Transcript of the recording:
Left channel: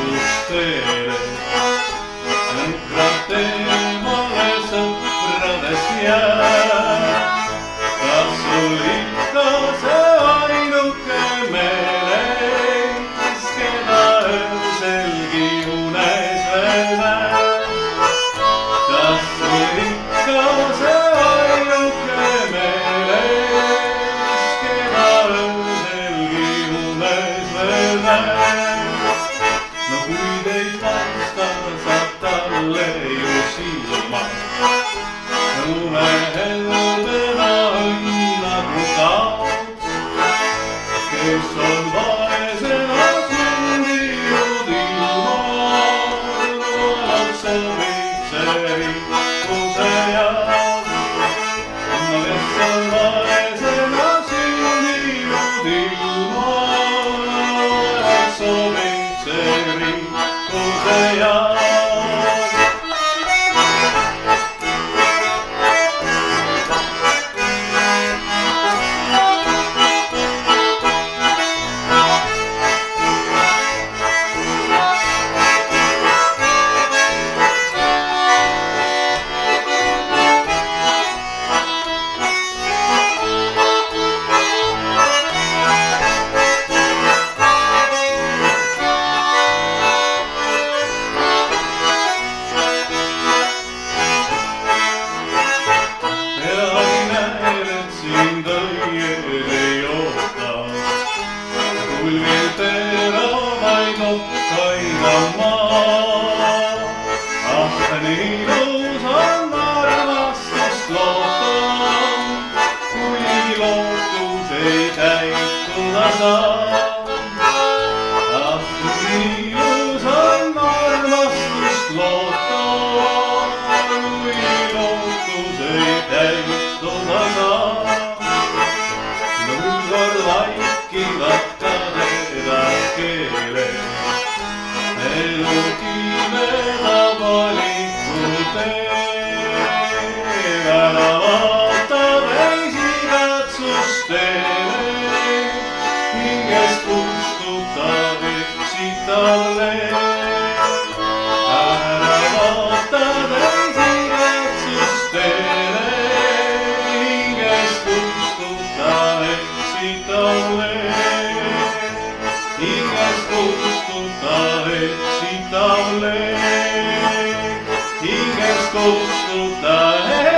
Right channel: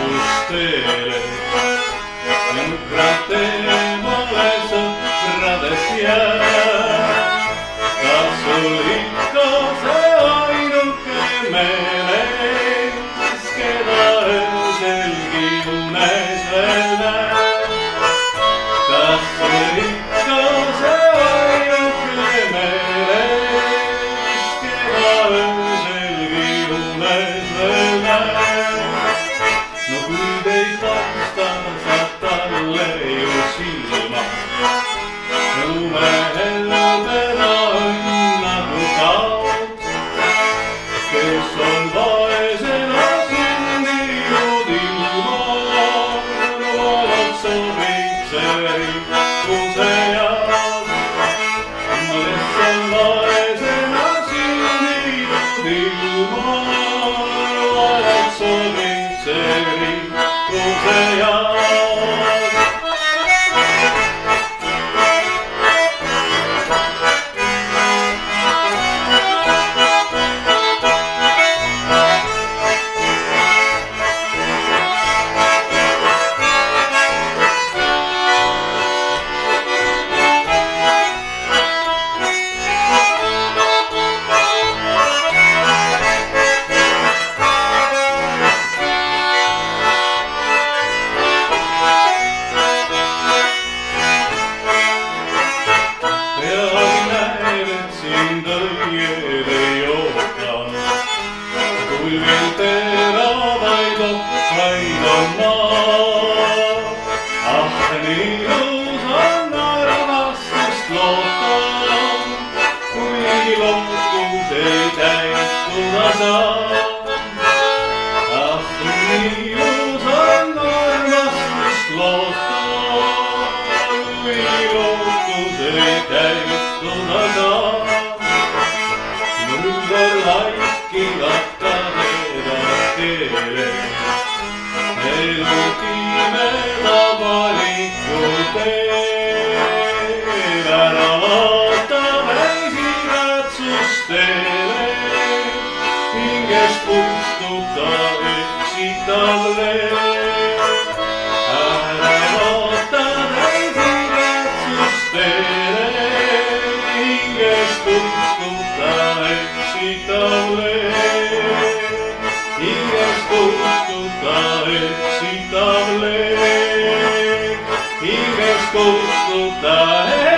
otsustele. Jõhkrad temale sõpradest jääb. Kas sul ikka see ainuke meeles, keda ööselgi unes veel näeb? Kas sul ikka see ainuke meeles, keda ööselgi unes veel näeb? No kui teid vasta, saab talle ju silma. Lumehel teda õnnagu kaob, kes on vaesena sündinud ilma. Loonud sobib see rikkuse jaoks, kes on vaesena sündinud ilma. Loonud sobib see rikkuse jaoks. Kulgel teravaid otsaid on maa. Ah, nii ilus on armastust loota, kuigi lootus ei täituda saa. Ah, nii ilus on armastust loota, kuigi lootus ei täituda saa. Nõlvar vaikivad elu pimeda valiku teed, ära vaata väisirätsustele, hingest kustuta eksitalle. Ära vaata väisirätsustele, hingest kustuta eksitalle. Hingest kustuta eksitalle, hingest kustuta eksitalle.